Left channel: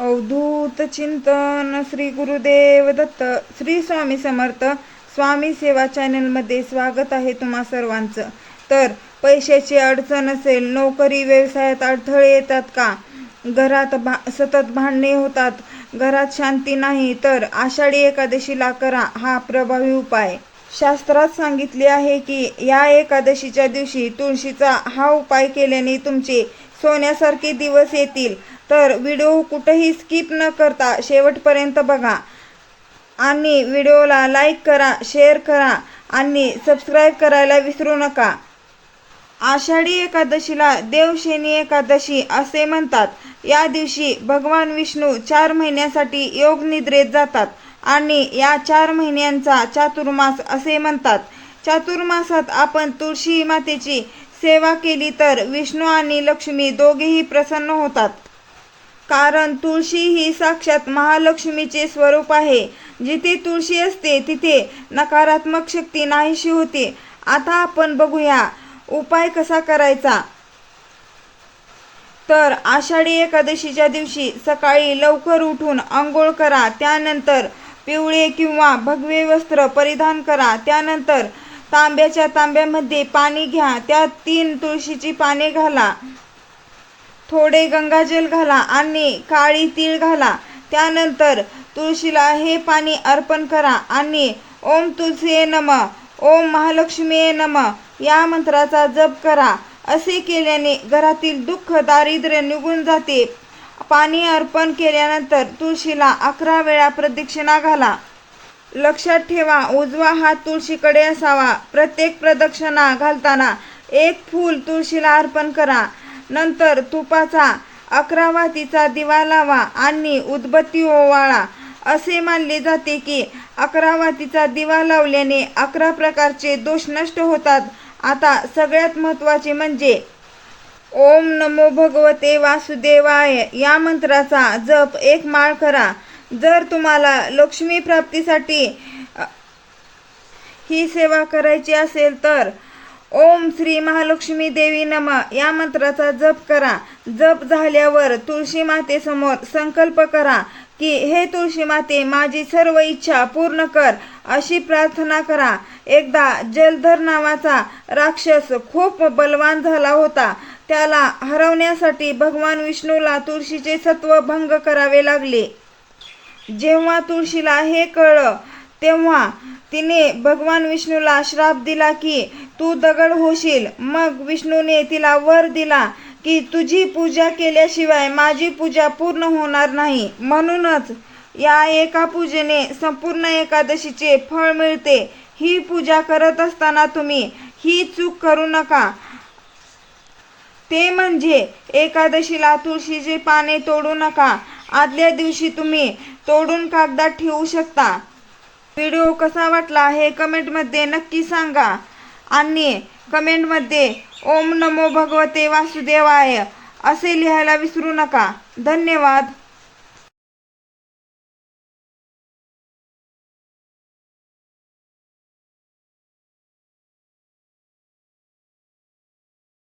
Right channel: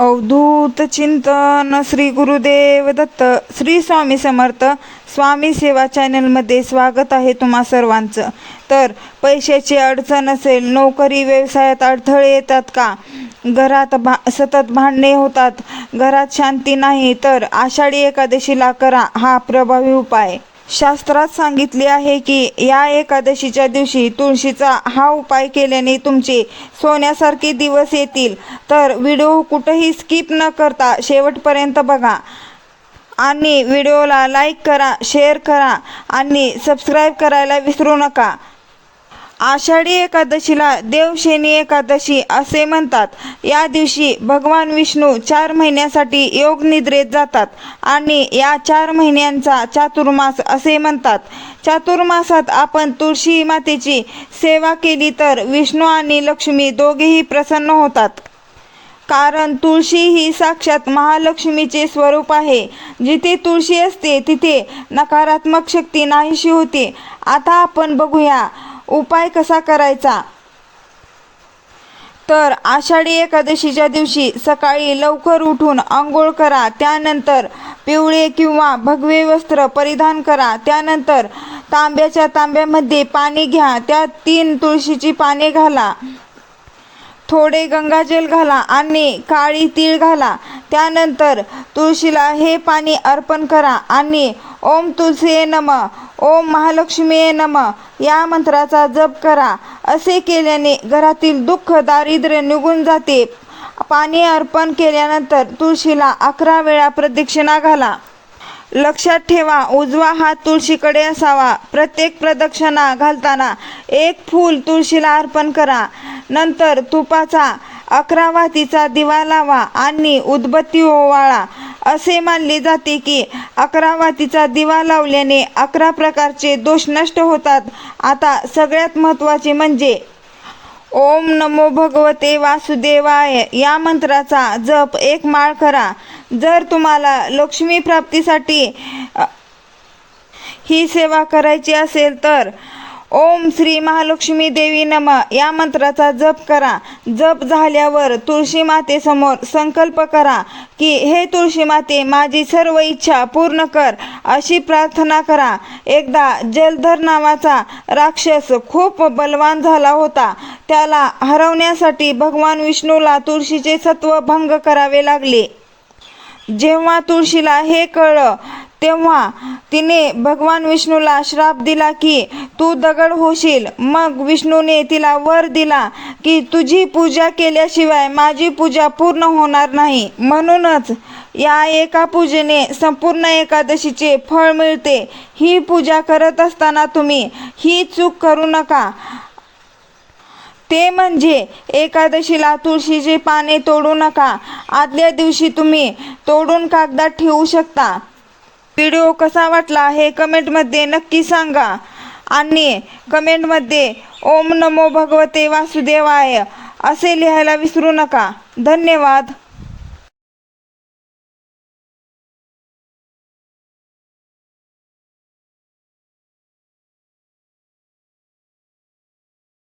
अवधूत चिंतन श्री गुरुदेव दत्त. श्री स्वामी समर्थ. स्वामी सेवा चॅनलमध्ये स्वागत आहे तुम्हा सर्वांचं. तर पैशाची अडचण असेल, नोकरी व्यवसायात अडथळे येतात का, घरात सतत भांडणे होतात, घरात शांती नाही, तर आषाढी एकादशीला करा हा प्रभावी उपाय. शास्त्रात सांगितले आहे की या एकादशीच्या दिवशी तुळशीचा हा उपाय केल्याने तुमचे सोन्यासारखे दिवस येतील. तर व्हिडिओ कुठेही स्किप न करता शेवटपर्यंत बघा आणि व्हिडिओला लाईक करा, शेअर करा आणि सबस्क्राईब करायला विसरू नका. आषाढी एकादशीला देवशेनी एकादशी असे म्हणतात. या दिवशी भगवान विष्णू 4 महिन्यासाठी योग निद्रेत जातात आणि या 4 महिन्यांचा चातुर्मास असे म्हणतात. चातुर्मासात आपण तुळशी मातेची सेवा केली तर विष्णू आणि लक्ष्मी दोघेही प्रसन्न होतात. कारण तुळशी ही साक्षात महालक्ष्मीचे स्वरूप आहे. जिथे तुळशी असते तिथे नकारात्मक शक्ती नाहीशी होते. आता आपण बघूया उपाय कसा करायचा. तर आषाढी एकादशीच्या दिवशी सकाळी लवकर उठून आंघोळ करा. त्यानंतर पिवळे किंवा भगवे वस्त्र परिधान करा. त्यानंतर तांब्याच्या तांब्यामध्ये पाणी घ्या. त्यात 3 तुळशीची पाने घाला, थोडे गंगाजल घाला आणि काळी तीळ घाला. त्यानंतर तुळशीला हे पाणी अर्पण करा आणि ओम तुळसीये नमः, ओम महालक्ष्मीये नमः या मंत्राचा जप करा. असे केल्याने घरातील दुःख दारिद्र्य निघून जाते. पाणी अर्पण केल्यानंतर तुळशीला 11 वेळा प्रदक्षिणा घाला. लक्षात ठेवा, उजवा हात तुळशीकडे असावा. प्रत्येक प्रदक्षिणा घालताना 1 फूल तुळशीला अर्पण करा. नंतर तुपाचा 11 वातीचा दिवा लावा आणि उदबत्ती ओवाळा. असे मानले जाते की 11 वातीचा दिवा लावल्याने 11 प्रकारचे दोष नष्ट होतात. आता सगळ्यात महत्त्वाचे म्हणजे ओम नमो भगवते वासुदेवाय या मंत्राचा जप 1 माळ करा. जर तुम्हाला लक्ष्मी प्राप्तीसाठी ही सेवा करायची असेल तर ओम श्री महालक्ष्मी देवी नमः या मंत्राचा जप करा. जप झाल्यावर तुळशी मातेसमोर संकल्प करा की हे तुळशी माते, माझी सर्व इच्छा पूर्ण कर अशी प्रार्थना करा. एकदा जलधर नावाचा राक्षस खूप बलवान झाला होता. त्याला हरवण्यासाठी भगवान विष्णूला तुळशीचे सत्व भंग करावे लागले. जेव्हा तुळशीला हे कळलं तेव्हा तिने भगवान विष्णूला श्राप दिला की तू दगड होशील. मग विष्णूने तिला वर दिला की तुझी पूजा केल्याशिवाय माझी पूजा पूर्ण होणार नाही. म्हणूनच या एका पूजेने संपूर्ण एकादशीचे फळ मिळते. ही पूजा करत असताना तुम्ही ही चूक करू नका. ते म्हणजे एकादशीला तुळशीचे पाने तोडू नका. आदल्या दिवशी तुम्ही तोडून कागदात ठेवू शकता. व्हिडिओ कसा वाटला हे कमेंटमध्ये नक्की सांगा आणि कमेंटमध्ये ओम नमो भगवते वासुदेवाय असे लिहायला विसरू नका. धन्यवाद.